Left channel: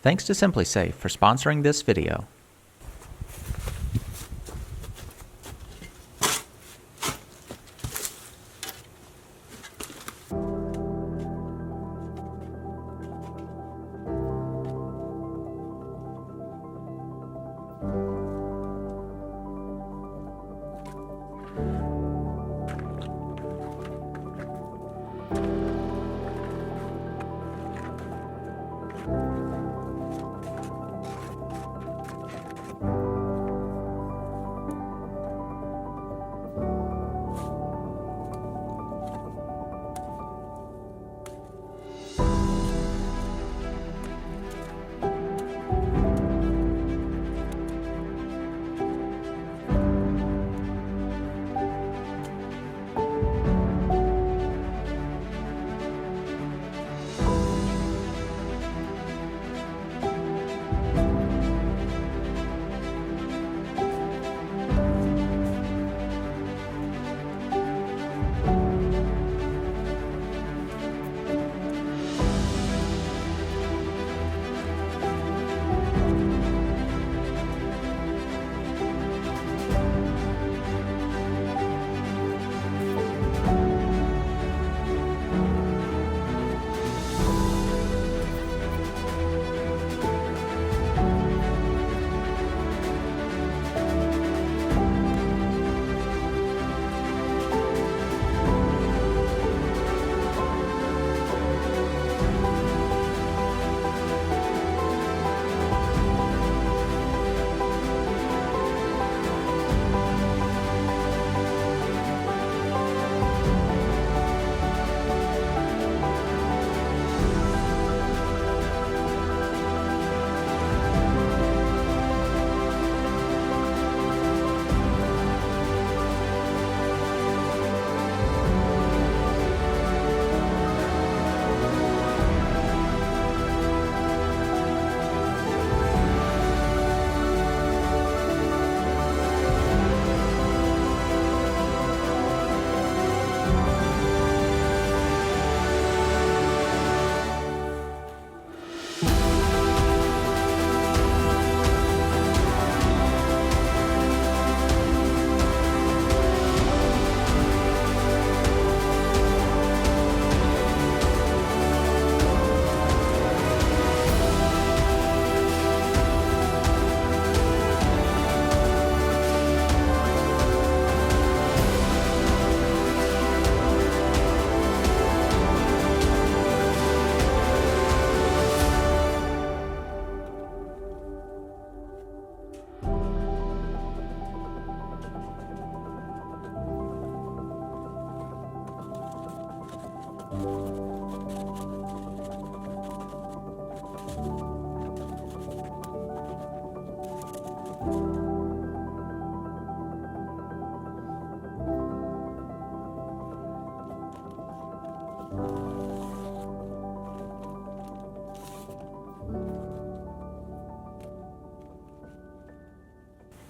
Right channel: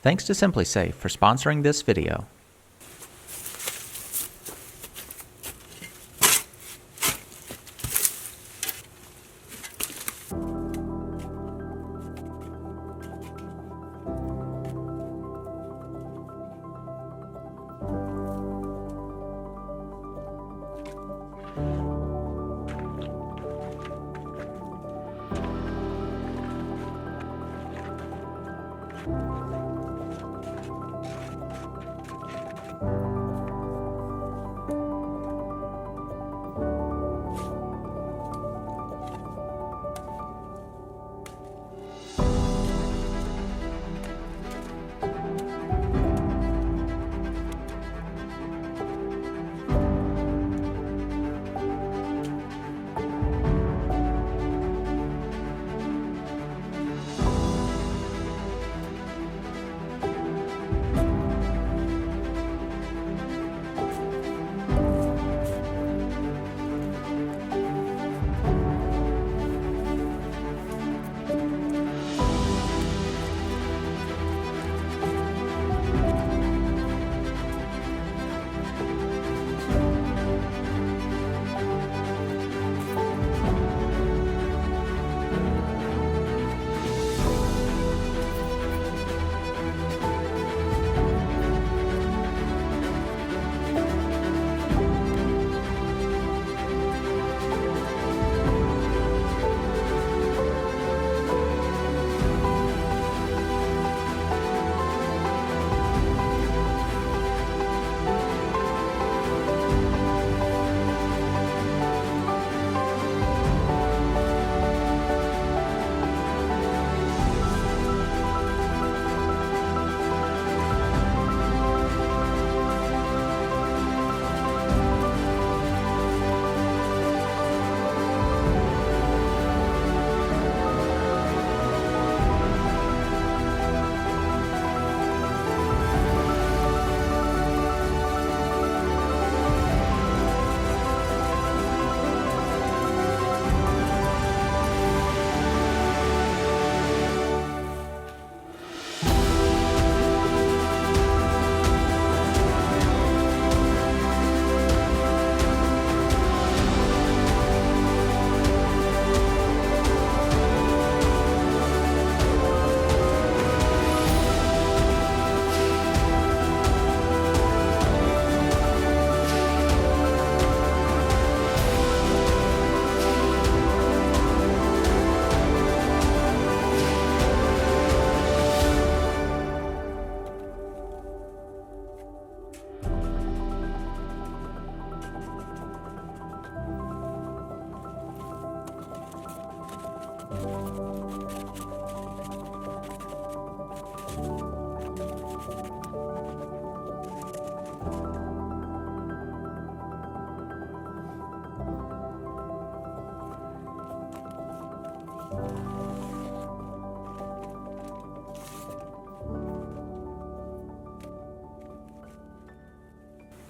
Thanks to SimpliSafe for sponsoring this video.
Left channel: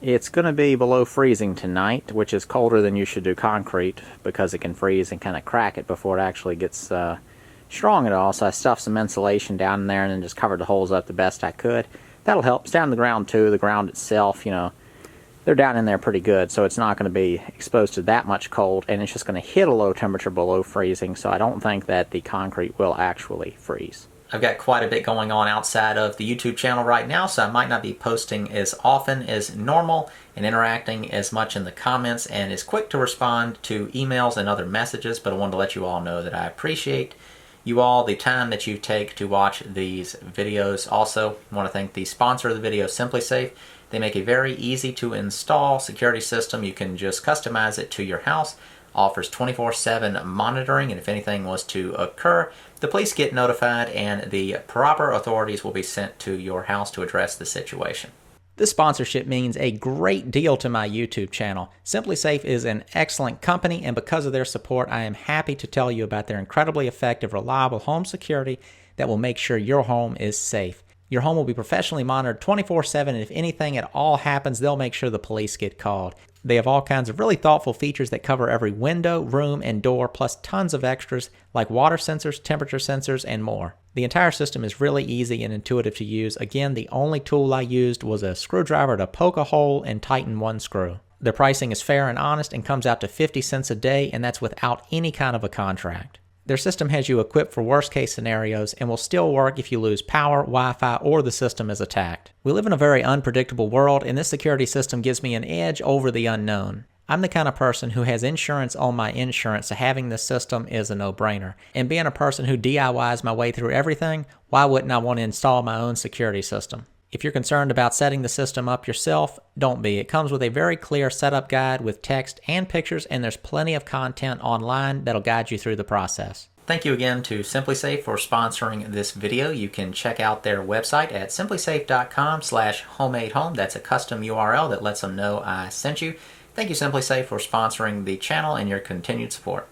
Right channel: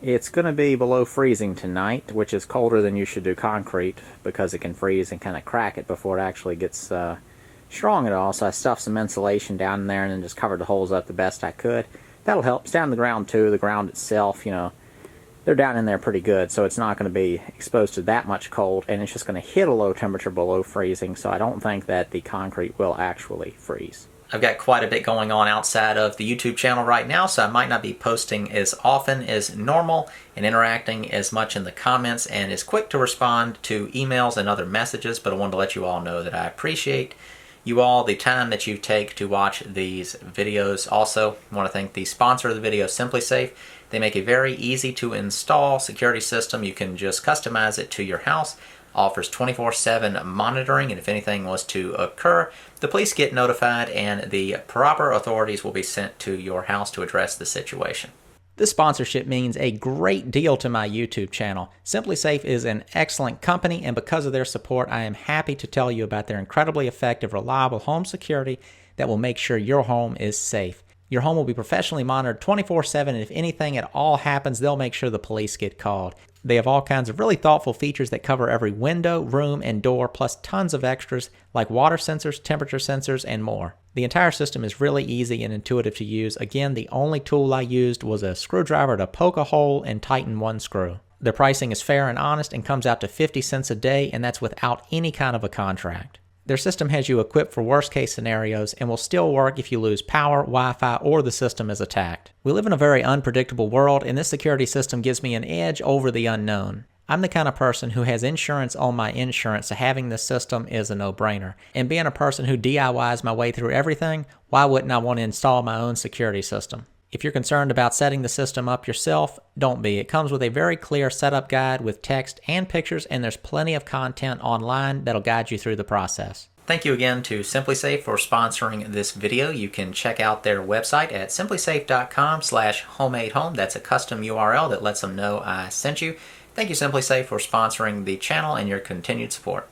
It's going to be below freezing tonight, which is colder than you should do concrete because it can freeze and kind of crack it before it actually gets strong at all. So I stuffed some insulation down in there and then just covered the holes up the best I could. That'll help. It's down on the ground too. The ground itself, you know, they're down in there pretty good, so it's not going to be exposed to that much cold, and it's just going to hit a low temperature below freezing, so I don't think that the concrete will actually freeze. I've got quite a bit going on outside of the YouTube channel right now, so I might not be posting as often as normal and interacting as much in the comments and as quick to respond to emails and other messages, but I wanted to let you all know that I appreciate you all the time that you take to watch these videos. Also, I want to thank the sponsor of the video, SimpliSafe. They make a very easy to install security system. You can just customize it to your house. Offers 24/7 monitoring, and if anything was to occur, the police get notified and the proper authorities will be sent to your house to address the situation. This sponsorship means a great deal to my YouTube channel. SimpliSafe is an excellent company, and because of their support, I am happy to tell you about their incredibly effective, reliable home security that will make sure your home is safe. Your home will be professionally monitored 24/7, and if anything at all happens, they'll make sure the police get called. They have all kinds of really thoughtful features that cover every window, room, and door, plus tons of extras like water sensors, temperature sensors, and more. The entire system is really easy and intuitive to use. Again, the only tool I used was a screwdriver to poke a hole and tighten one screw. Their pricing is fair and honest and comes out to 50 cents a day, and that's without any kind of a contract. Their system has you equipped for worst case scenarios and will still work if you lose power, Wi-Fi, or the system is attacked. We live in a very unpredictable world, and this security system gives me an edge over the unknown. I'm the kind of person who has insurance on my insurance, so having this system is a no-brainer. And being a person who DIYs my way through everything, why wouldn't I want to install my own security system? If you're concerned about setting the system up yourself, don't be. It comes with a very clear setup guide with text and pictures, and there's plenty of content online that'll guide you through the process. Thank you again to SimpliSafe for sponsoring this video. You can check out their website at simplisafe.com/homemadehome. That's a custom URL that lets them know I sent you. Thank you, SimpliSafe, for sponsoring the channel and your continued support.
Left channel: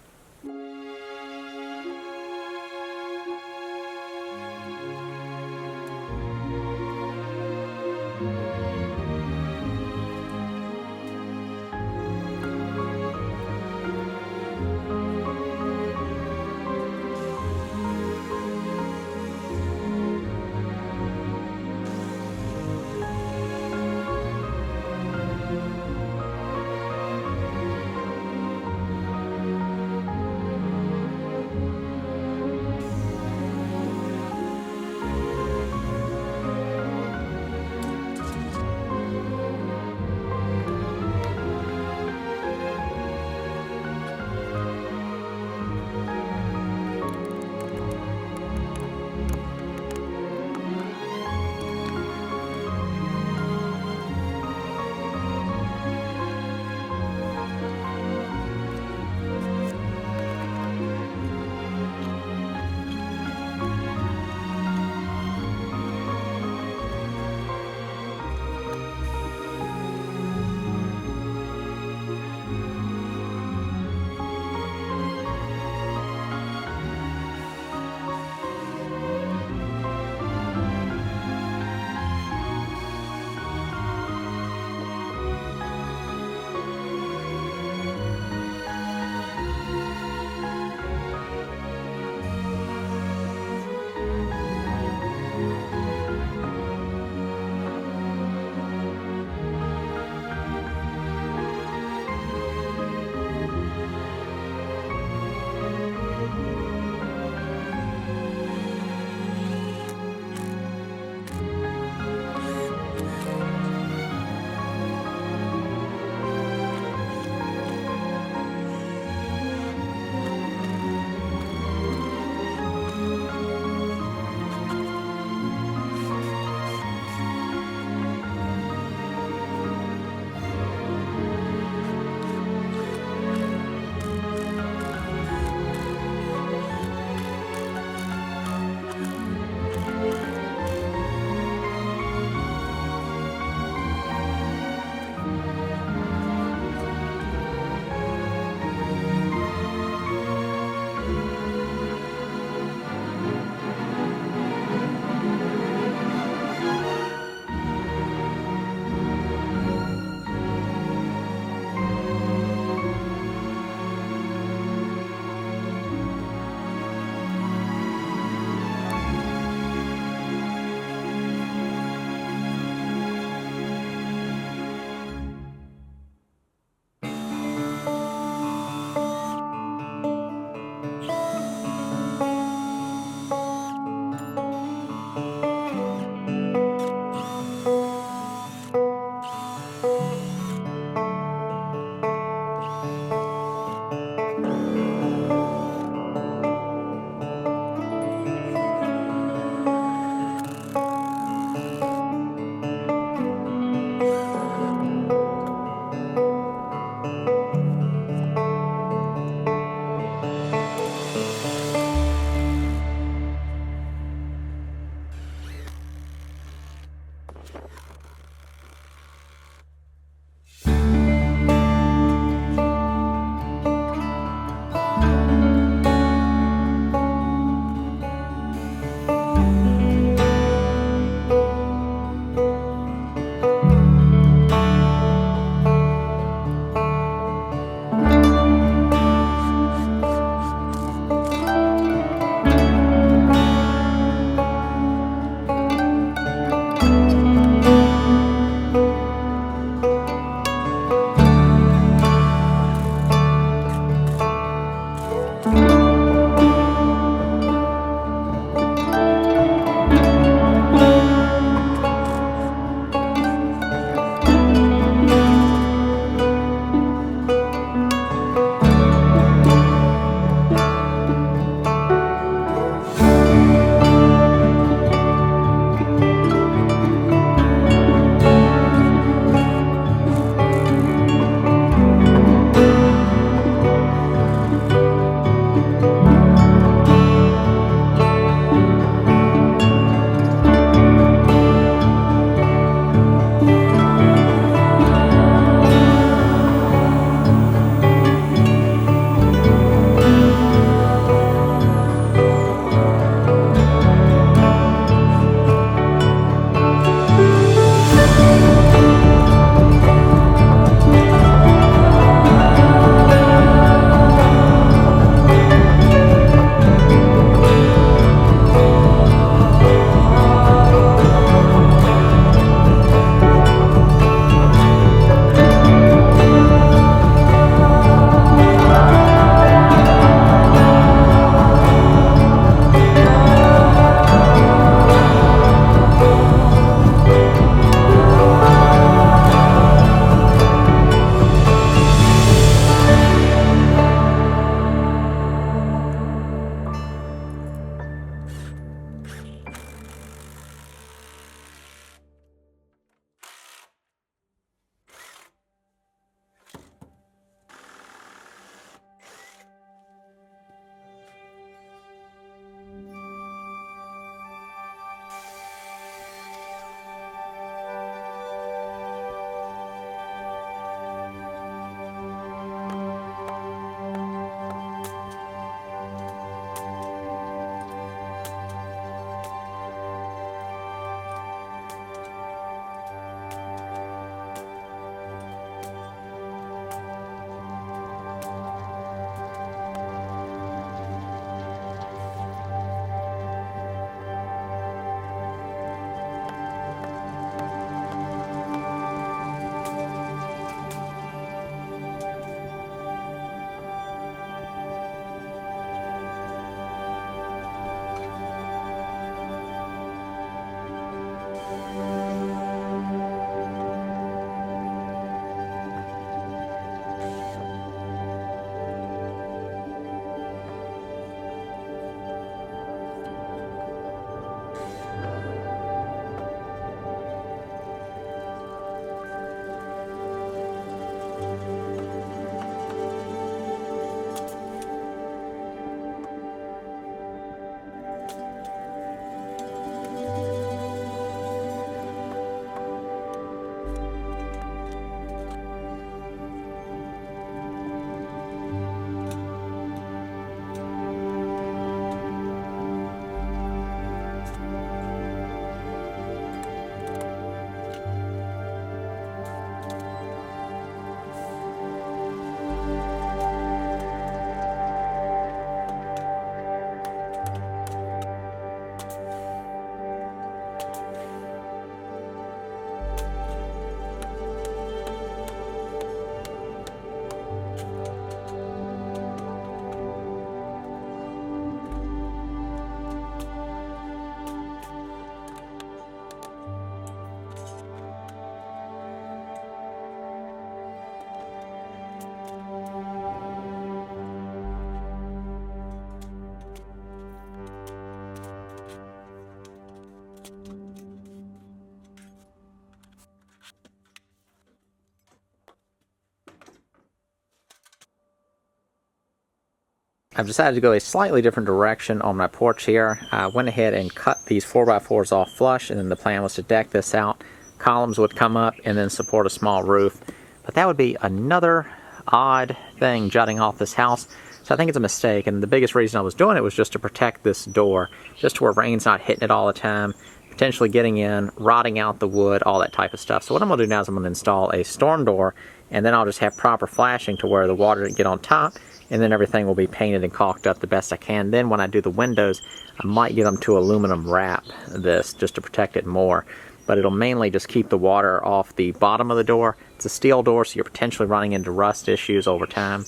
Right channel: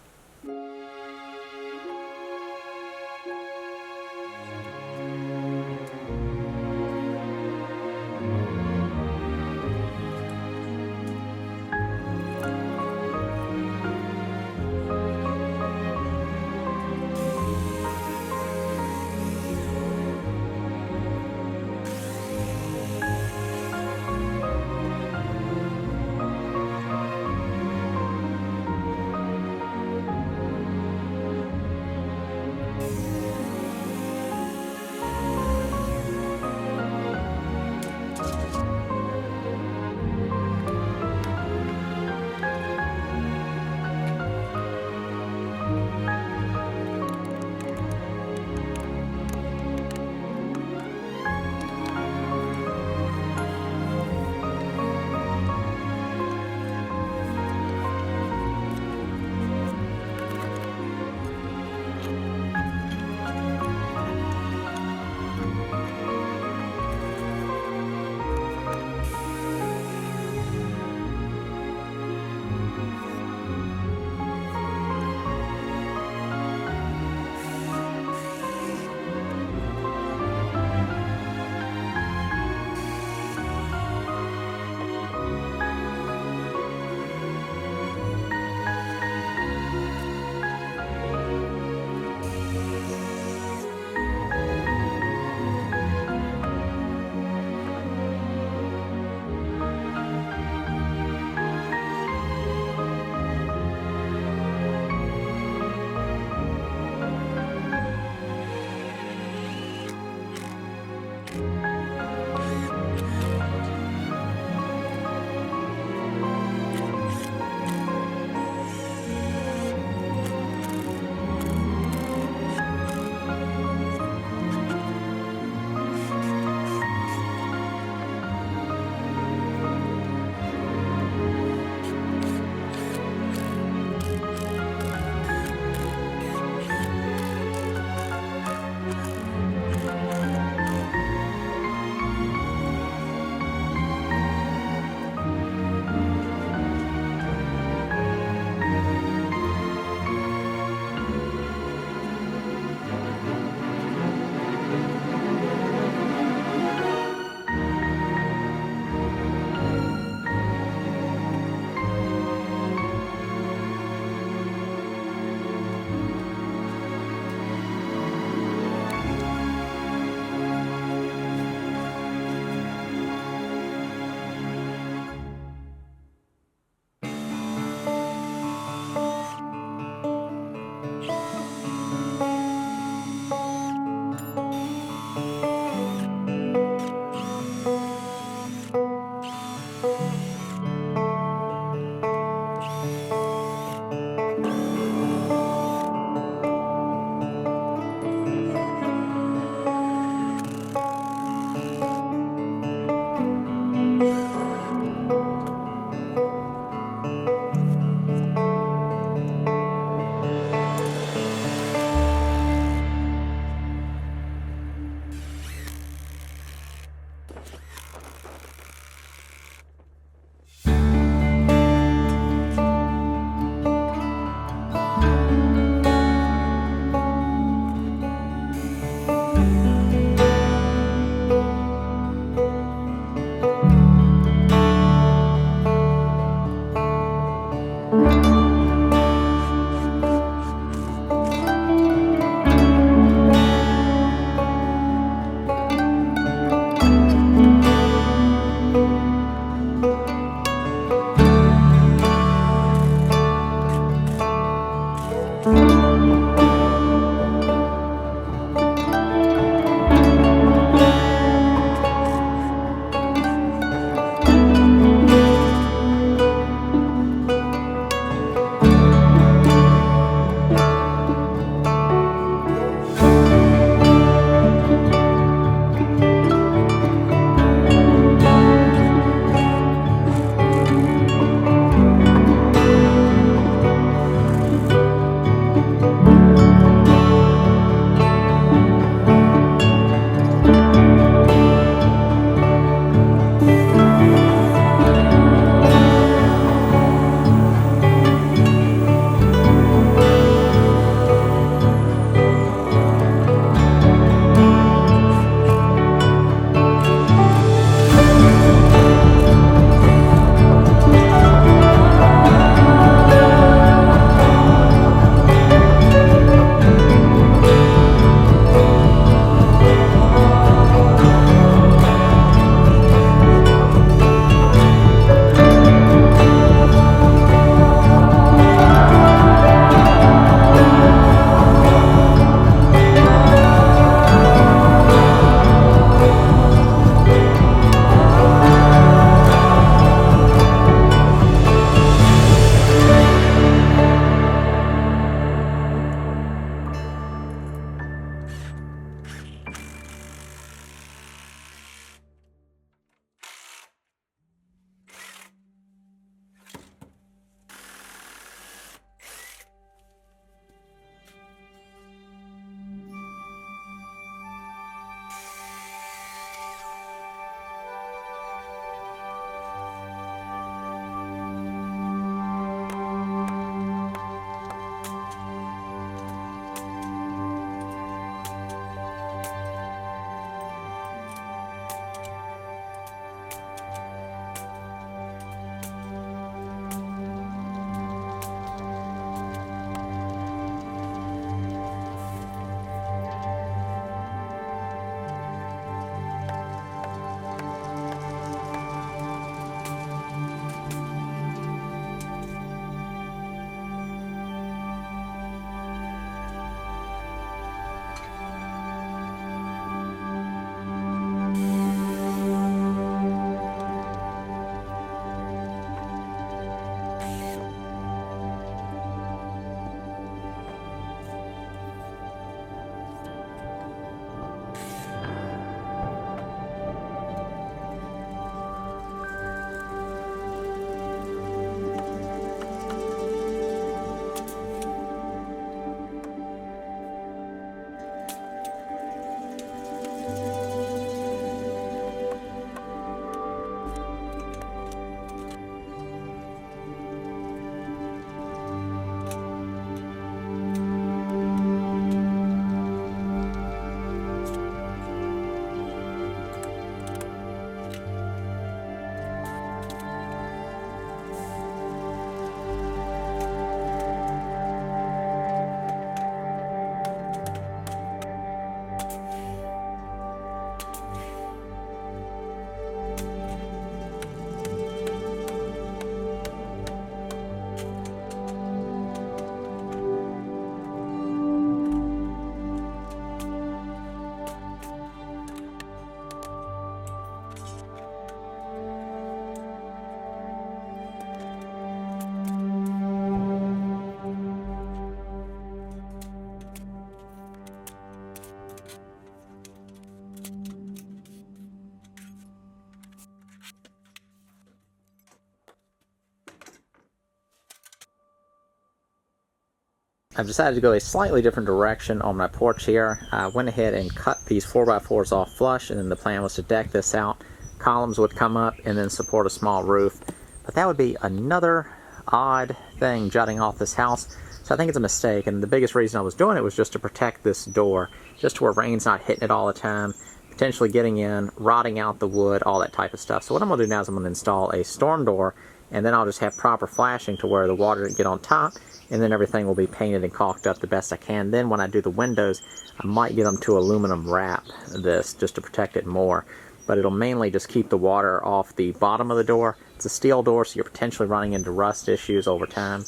I've decided to go a slightly different direction on my porch here. I went ahead and cut these 4x4s off flush, and then the plan was to deck this out. Columns would come up and then support a small roof. But that would be another odd thing jutting off this house. So I think it's a mistake, and the biggest reason I was doing it was just to protect this door, just to where rain's not hitting it all the time, potentially getting in, rotting out the wood, all that type of stuff. So what I'm going to do now is I'm going to install a storm door, and then I'll just have proper flashing to where the water doesn't get on top, and then everything will be painted and caulked up the best I can. Then when I do the windows, I might get them to aluminum wrap this just to protect it more. But it'll mainly just keep the water off the bottom of the door. It's a steel door, so you're potentially running into rust issues over time.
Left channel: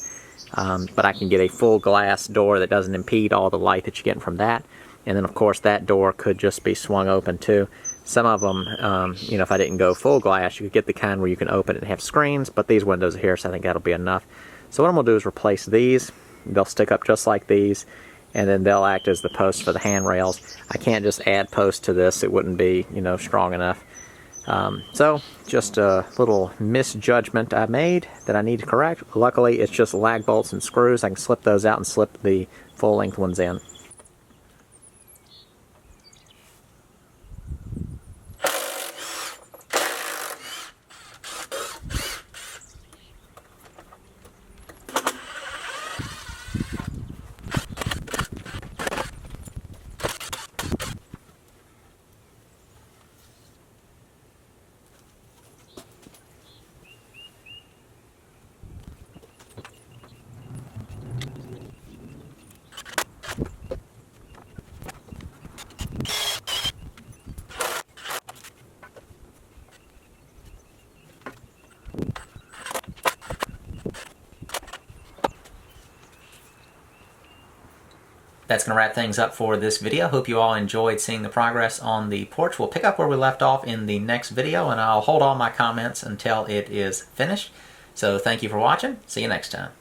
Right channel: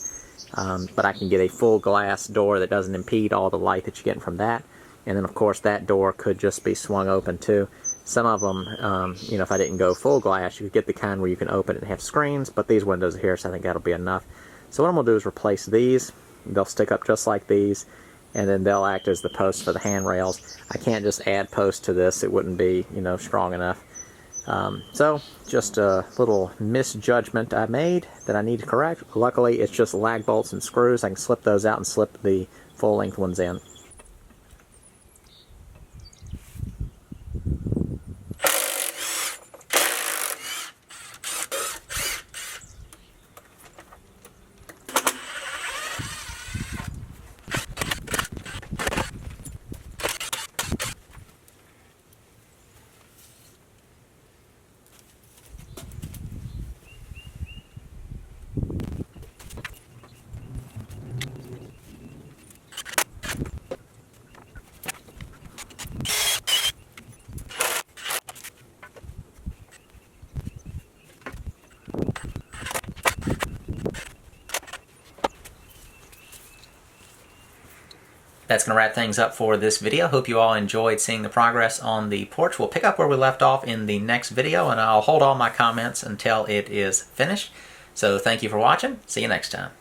But I can get a full glass door that doesn't impede all the light that you're getting from that. And then, of course, that door could just be swung open, too. Some of them, if I didn't go full glass, you could get the kind where you can open it and have screens. But these windows are here, so I think that'll be enough. So what I'm going to do is replace these. They'll stick up just like these. And then they'll act as the posts for the handrails. I can't just add posts to this. It wouldn't be, strong enough. So, just a little misjudgment I made that I need to correct. Luckily, it's just lag bolts and screws. I can slip those out and slip the full-length ones in. That's going to wrap things up for this video. Hope you all enjoyed seeing the progress on the porch. We'll pick up where we left off in the next video, and I'll hold all my comments until it is finished. So thank you for watching. See you next time.